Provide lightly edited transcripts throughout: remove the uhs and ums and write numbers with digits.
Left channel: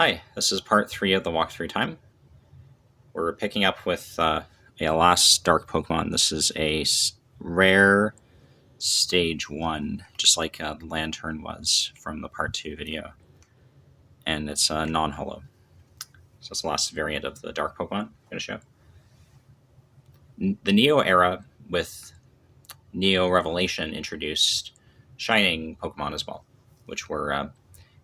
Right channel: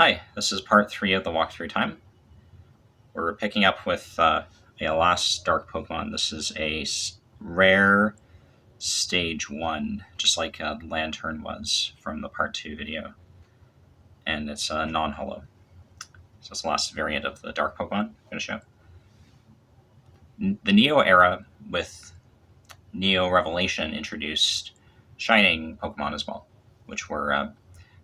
Hi, this is part 3 of the walkthrough time. We're picking up with a last dark Pokemon. This is a rare stage 1, just like the Lantern was from the part 2 video. And it's non-holo. So it's the last variant of the dark Pokemon I'm going to show. The Neo era with Neo Revelation introduced Shining Pokemon as well, which were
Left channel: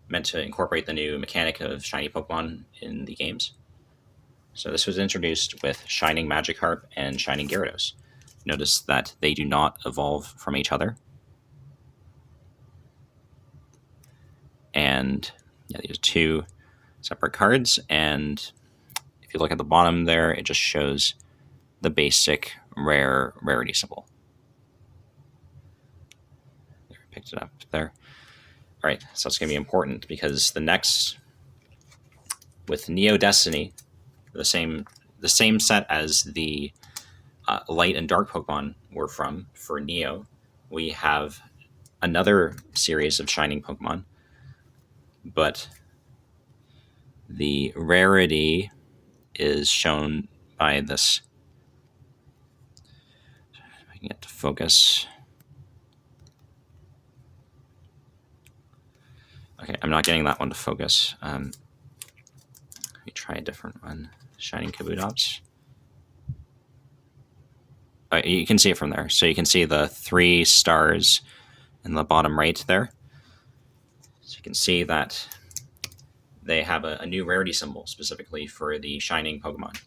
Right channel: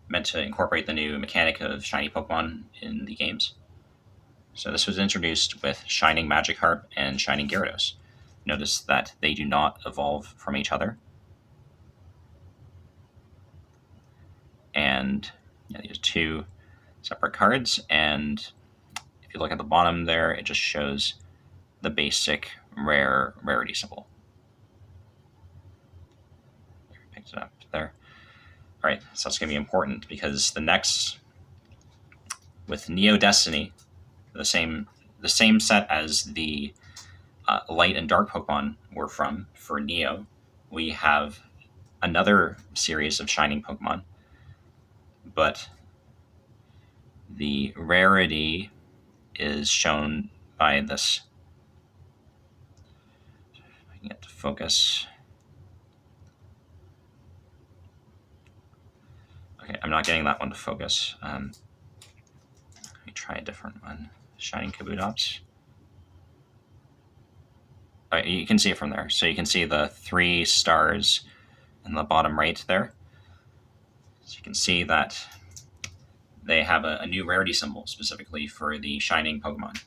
meant to incorporate the new mechanic of shiny Pokemon in the games. So this was introduced with Shining Magikarp and Shining Gyarados. Notice that they do not evolve from each other. And yeah, these are two separate cards. And if you look at the bottom there, it just shows the basic rarity symbol. Picked it up there. All right, so it's going to be important because the next, with Neo Destiny, the same set as the Light and Dark Pokemon were from for Neo, we have another series of Shining Pokemon, but the rarity is shown by this. If I can get to focus. Okay, I'm not getting that one to focus. Let me try a different one. Shining Kabutops. You can see it from there. So you can see the 3 stars in the bottom right there. So you can see that they have a new rarity symbol specifically for the Shining Pokemon.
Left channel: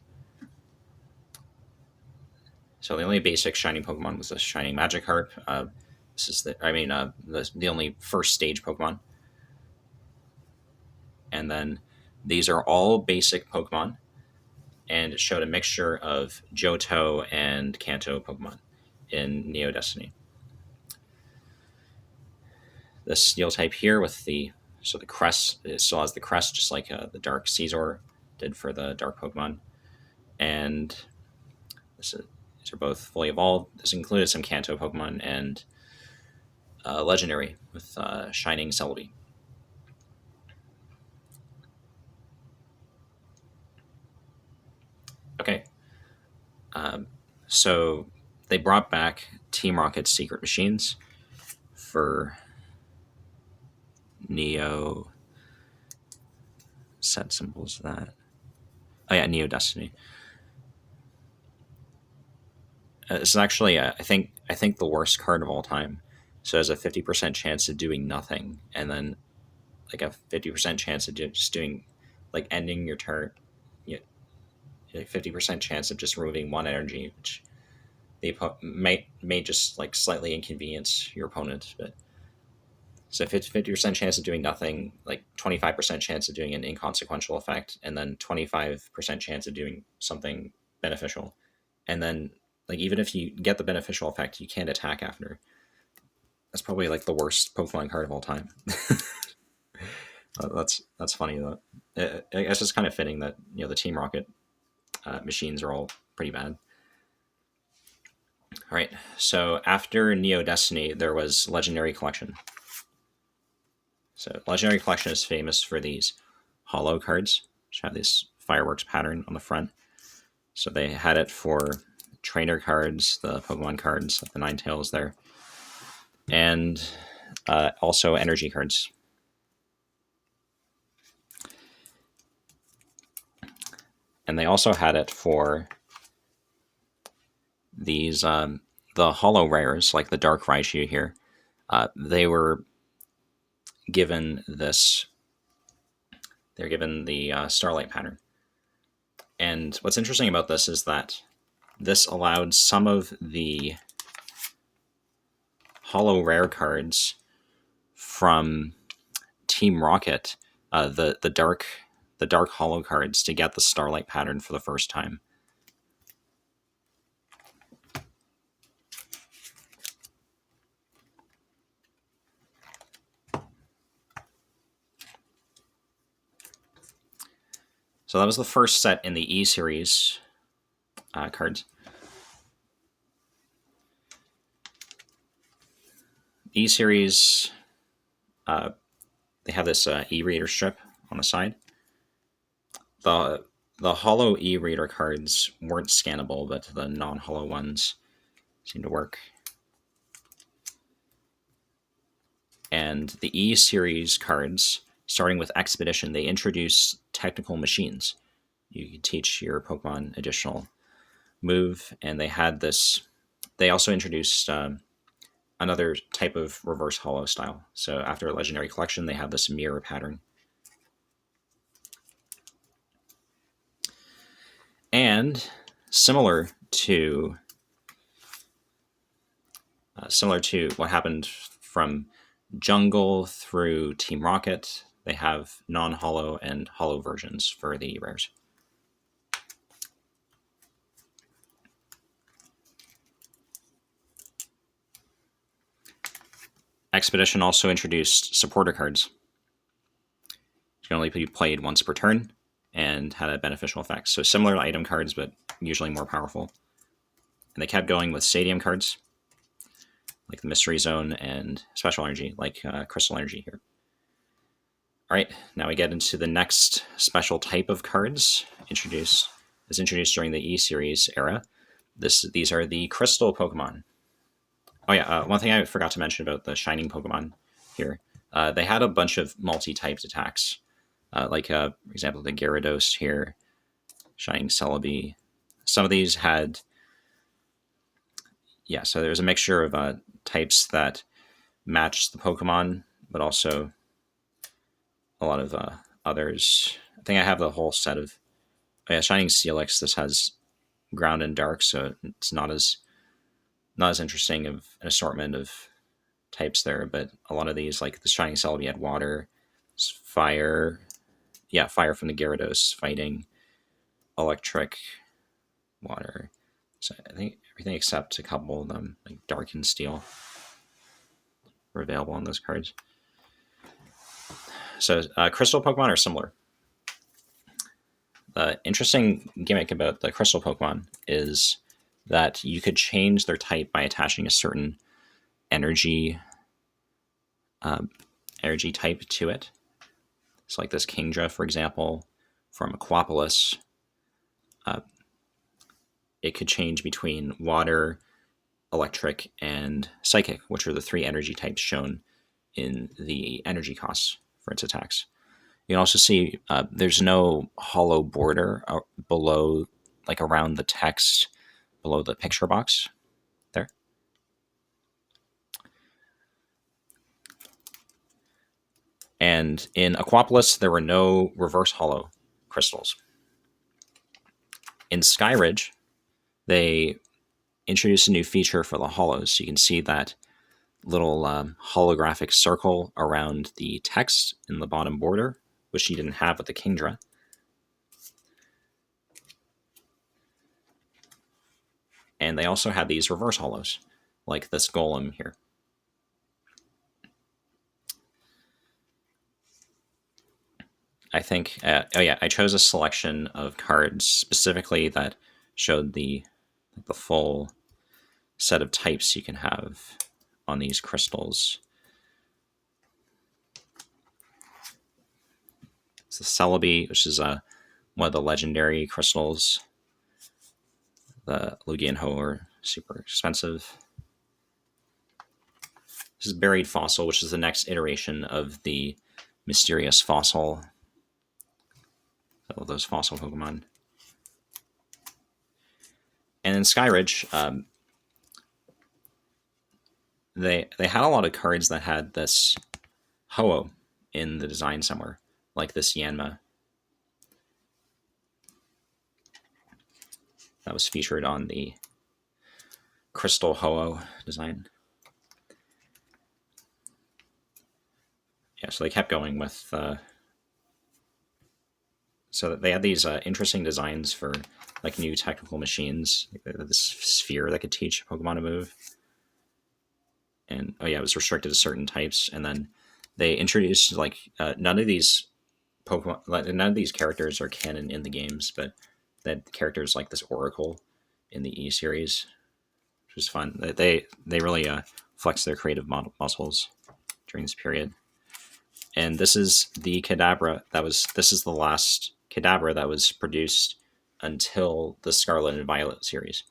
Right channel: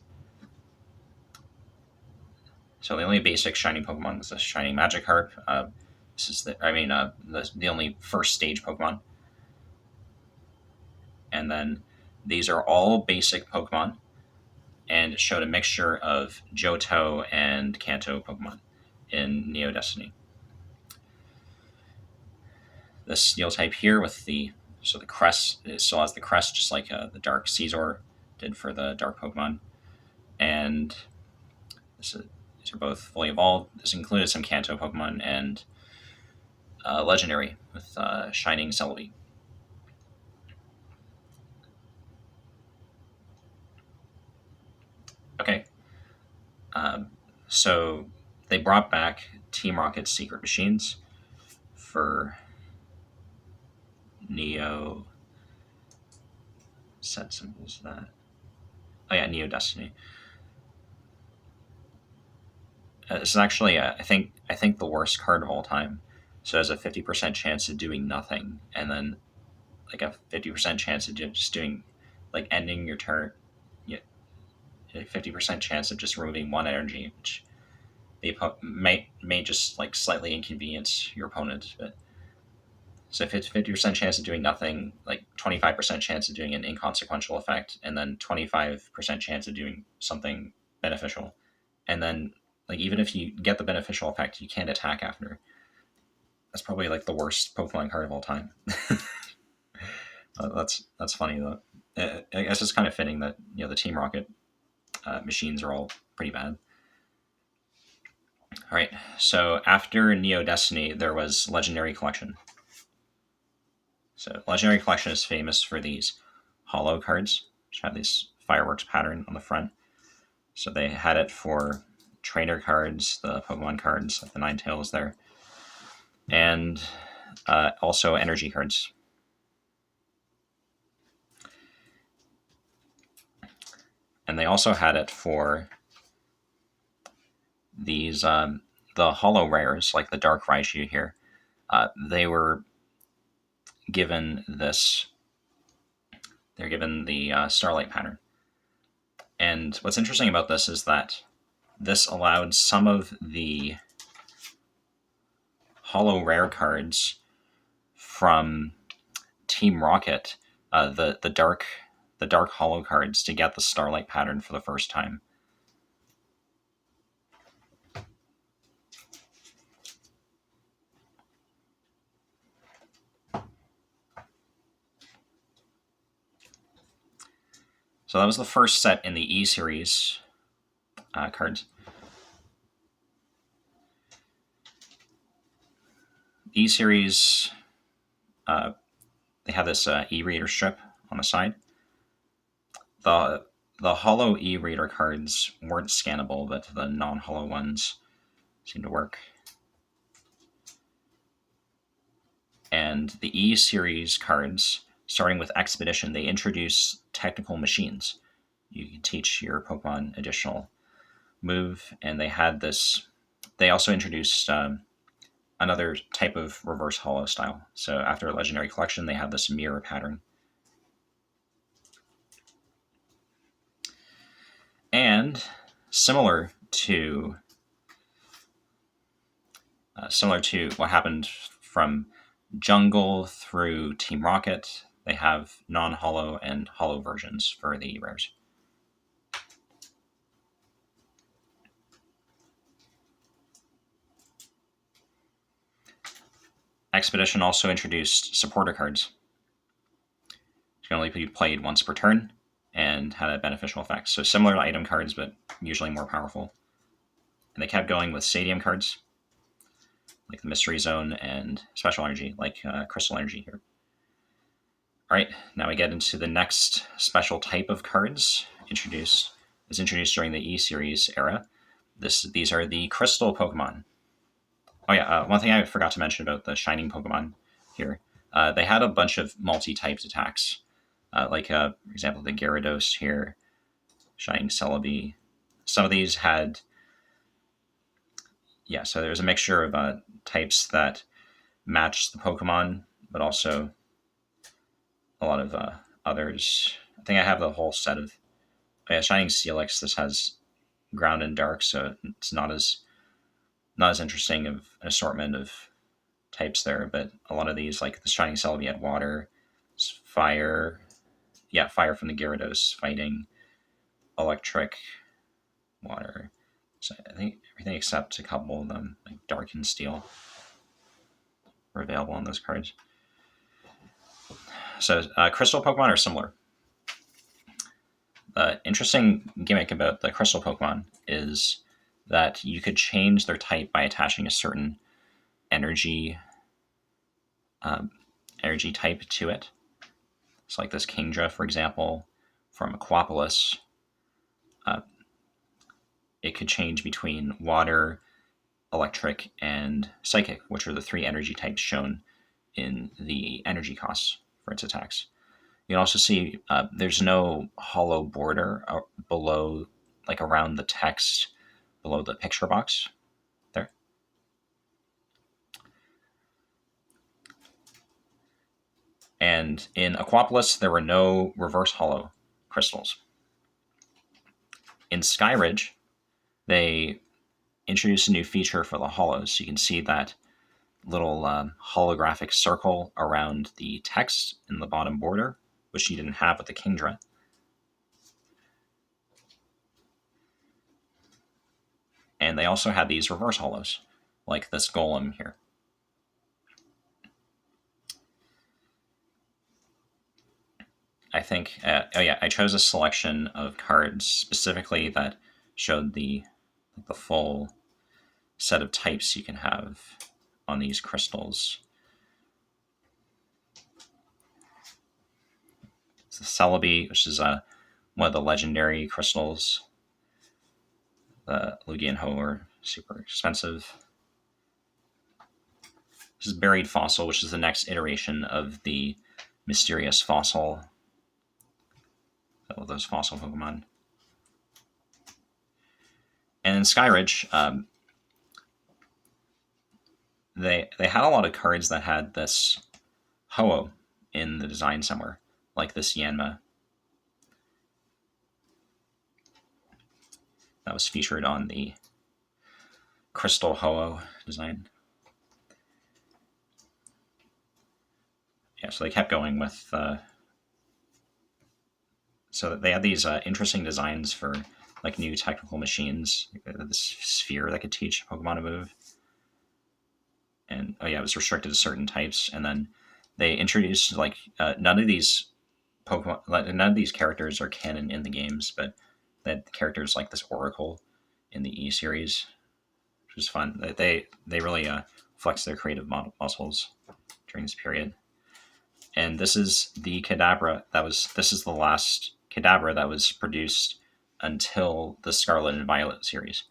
So the only basic Shining Pokemon was the Shining Magikarp. This is the only first stage Pokemon. And then these are all basic Pokemon, and it showed a mixture of Johto and Kanto Pokemon in Neo Destiny. The Steel type here with the crest, it still has the crest just like the Dark Caesar did for the Dark Pokemon. And these are both fully evolved. This included some Kanto Pokemon and Legendary with Shining Celebi. Okay. So they brought back Team Rocket's secret machines for Neo. Set symbols that. Oh yeah, Neo Destiny. This is actually, I think the worst card of all time. So it has a 50% chance of doing nothing, and then like a 50% chance of just doing, like ending your turn. 50% chance of just removing 1 energy, which may just like slightly inconvenience your opponent. But so 50% chance of doing nothing, like 25% chance of doing an inconsequential effect, and then 25% chance of doing something beneficial. And then like even if you get the beneficial effect, you can't attack after. That's probably like the worst Pokemon card of all time. That's funny though. I guess it's kind of fitting that the Team Rocket machines are all pretty bad. All right, so after Neo Destiny, there was Legendary Collection. So Legendary Collection is famous for these holo cards, which have this fireworks pattern on the front. So they had it for trainer cards, the Pokemon cards, the Ninetales there, and also energy cards. And they also had it for these the holo rares, like the Dark Raichu here. They were given this. They're given the Starlight pattern. And what's interesting about this is that this allowed some of the holo rare cards from Team Rocket, the dark holo cards, to get the Starlight pattern for the first time. So that was the first set in the E series cards. E series, they have this e-reader strip on the side. the Holo e-reader cards weren't scannable, but the non-Holo ones seem to work. And the E series cards, starting with Expedition, they introduce technical machines. You can teach your Pokemon additional move, and they had this. They also introduced another type of reverse holo style. So after Legendary Collection, they have this mirror pattern. And similar to what happened from Jungle through Team Rocket, they have non-holo and holo versions for the rares. Expedition also introduced supporter cards. It can only be played once per turn and had a beneficial effect. So similar to item cards, but usually more powerful. And they kept going with stadium cards, like the Mystery Zone and Special Energy, like Crystal Energy here. All right, now we get into the next special type of cards introduced during the E-Series era. These are the Crystal Pokemon. Oh yeah, one thing I forgot to mention about the Shining Pokemon here. They had a bunch of multi-typed attacks, like for example, the Gyarados here, Shining Celebi. Some of these had, so there's a mixture of types that matched the Pokemon, but also a lot of others. I think I have the whole set of, Shining Steelix. This has Ground and Dark, so it's not as interesting of an assortment of types there, but a lot of these, like the Shining Celebi, had water, fire, fire from the Gyarados, fighting, electric, water. So I think everything except a couple of them, like Dark and Steel, were available on those cards. So Crystal Pokemon are similar. The interesting gimmick about the Crystal Pokemon is that you could change their type by attaching a certain energy type to it. So like this Kingdra, for example, from Aquapolis, it could change between water, electric, and psychic, which are the three energy types shown in the energy costs for its attacks. You can also see there's no hollow border below, like around the text below the picture box there. And in Aquapolis, there were no reverse hollow crystals. In Skyridge, they introduced a new feature for the hollows. So you can see that little holographic circle around the text in the bottom border, which you didn't have with the Kingdra. And they also had these reverse hollows, like this Golem here. I think, I chose a selection of cards specifically that showed the full set of types you can have on these crystals. It's the Celebi, which is one of the legendary crystals. The Lugia and Ho are super expensive. This is Buried Fossil, which is the next iteration of the Mysterious Fossil. All those fossil Pokemon. And in Skyridge, they had a lot of cards that had this Ho-Oh in the design somewhere, like this Yanma. That was featured on the Crystal Ho-Oh design. So they kept going with... so they had these interesting designs for like new technical machines, this sphere that could teach Pokemon to move. And it was restricted to certain types. And then they introduced like none of these characters are canon in the games, but that characters like this Oracle in the E series, which was fun. They really flexed their creative muscles during this period. And this is the Kadabra. This is the last Kadabra that was produced until the Scarlet and Violet series.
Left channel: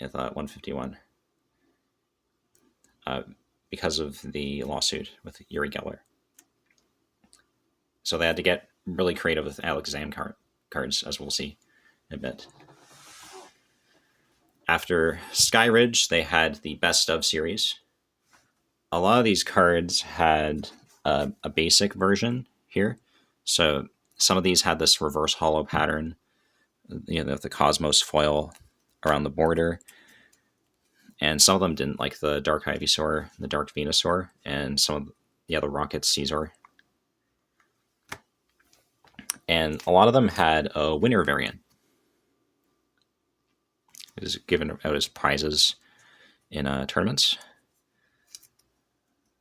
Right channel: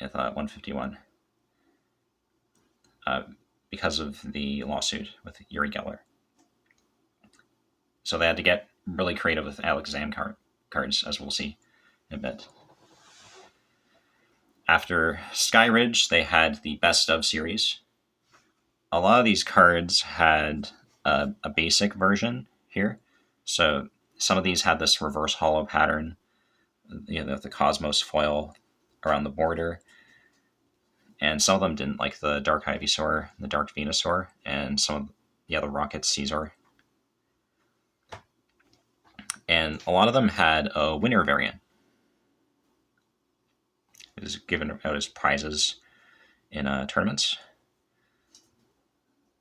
At 151. Because of the lawsuit with Uri Geller. So they had to get really creative with Alakazam cards, as we'll see in a bit. After Skyridge, they had the Best of series. A lot of these cards had a basic version here. So some of these had this reverse hollow pattern, the Cosmos foil around the border. And some of them didn't, like the Dark Ivysaur, the Dark Venusaur, and some of the Rocket Caesar. And a lot of them had a winner variant. It is given out as prizes in tournaments.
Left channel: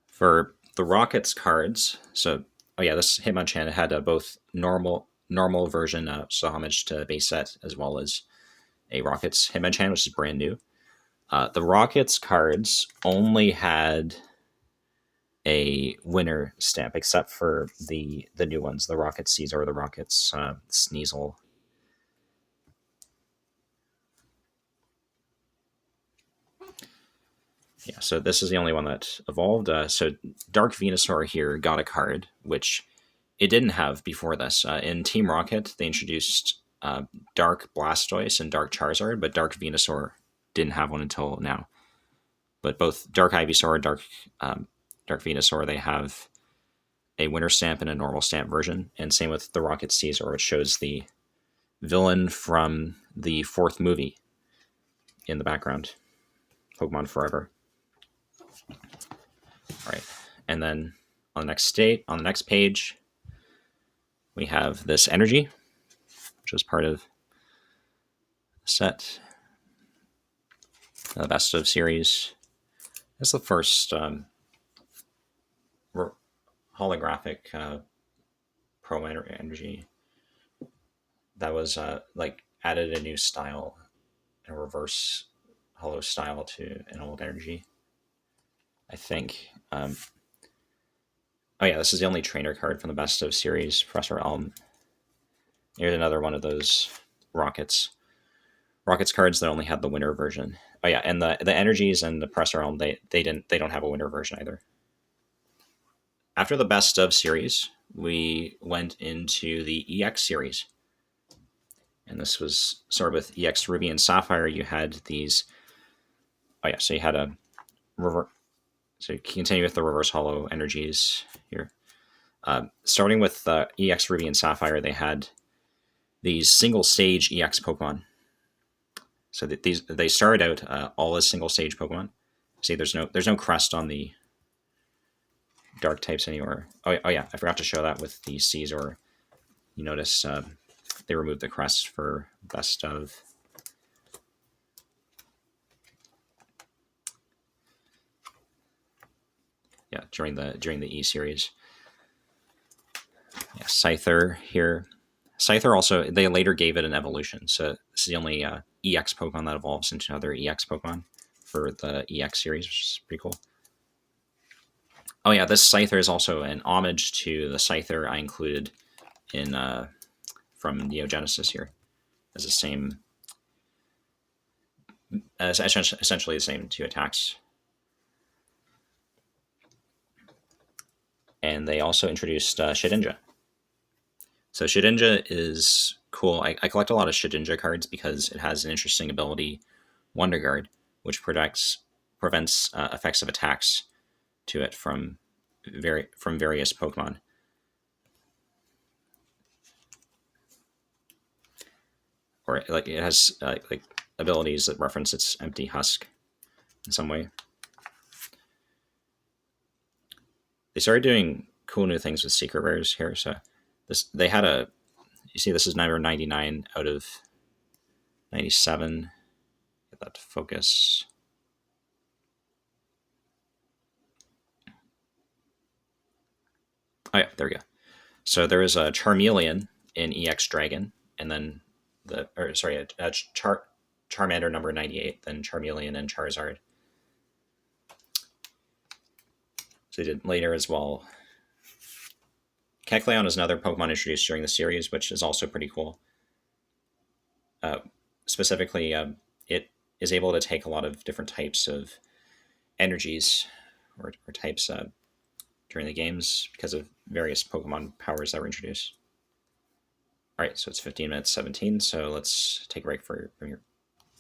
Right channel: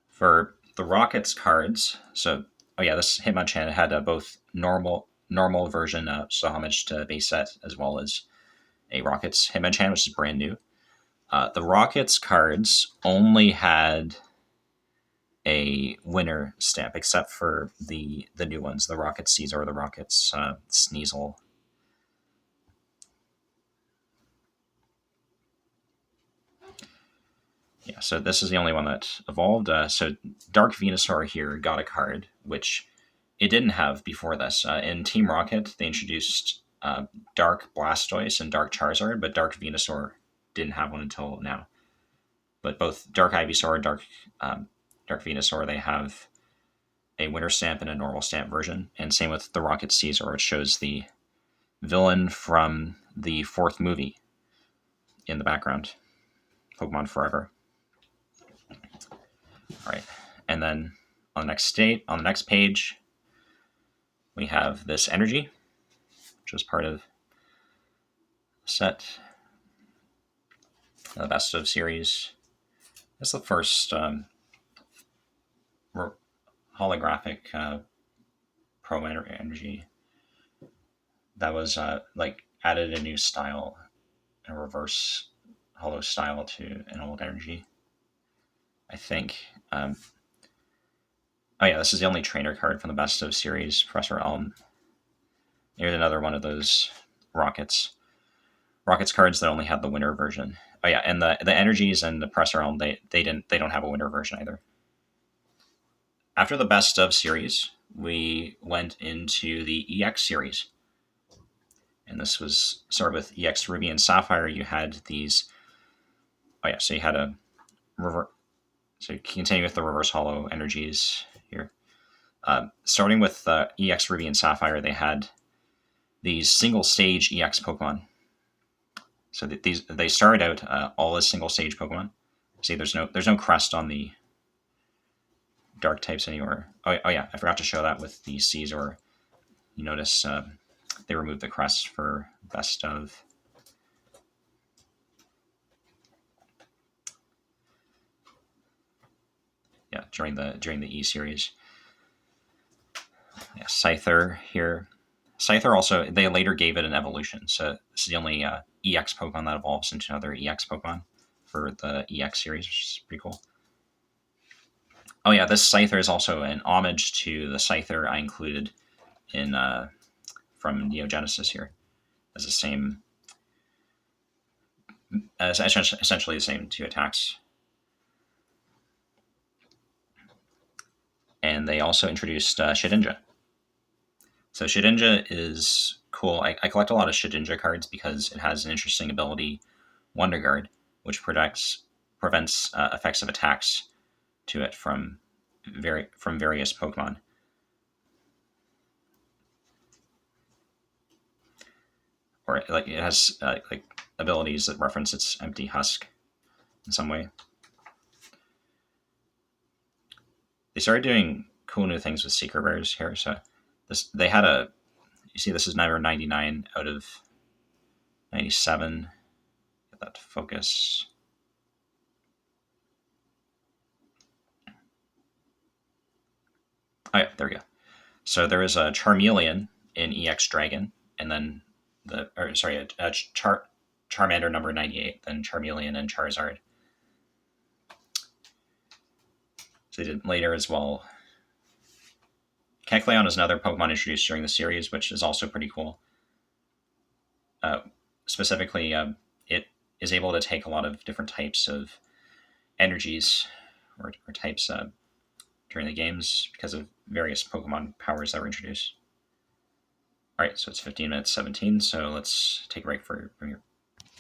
For the Rockets cards, so this Hitmonchan had both normal version, so homage to base set, as well as a Rockets Hitmonchan, which is brand new. The Rockets cards only had a winner stamp, except for the new ones, the Rocket Caesar or the Rockets Sneasel. Yeah, so this is the only one that evolved. So Dark Venusaur here got a card, which it didn't have before this. In Team Rocket, they introduced Dark Blastoise and Dark Charizard, but Dark Venusaur didn't have one until now. But both Dark Ivysaur and Dark Venusaur, they have a winner stamp and a normal stamp version. And same with the Rocket Caesar, which shows the villain from the 4th movie in the background, Pokemon Forever. All right, and then on the next page, we have this energy, which is part of the set, the Best of series. That's the first holographic Pro Energy that was added a new style, a reverse hollow style to an old energy, I think. This is the only trainer card from the Best of series, Professor Elm. Here's another one of those Rockets cards that only had the winner version. And the energies and the Professor Elm, they don't have a winner version either. After the Best of series, we went into the EX series. And this was sort of with EX Ruby and Sapphire. You had these. So you had a reverse. So you continue with the reverse hollow energies here. Starting with EX Ruby and Sapphire, they had these single stage EX Pokemon. So they started out all as single stage Pokemon. See, there's no crest on the dark types anymore. I forgot to show that with the Caesar. You notice they removed the crest for Best of. Yeah, during the E series. Yeah, Scyther here. Scyther also, they later gave it an evolution. So this is the only EX Pokemon that evolves into another EX Pokemon for the EX series, which is pretty cool. This Scyther is also an homage to the Scyther I included in from Neo Genesis here, as the same, essentially the same 2 attacks. And they also introduced Shedinja. So Shedinja is cool. I collect a lot of Shedinja cards because it has an interesting ability, Wonder Guard, which prevents effects of attacks to it from various Pokemon. Or it has abilities that reference its empty husk in some way. They started doing cool new things with secret rares here. So they had you see this is number 99 out of 97. Get that to focus. There we go. So there is a Charmeleon in EX Dragon, and then Charmander number 98, then Charmeleon and Charizard. So they did later as well Kecleon is another Pokemon introduced during the series, which is also pretty cool. Specifically, it is able to take a lot of different types of energies or types during the games because of various Pokemon powers that were introduced. All right, so it's 15 minutes 17, so let's take a break for your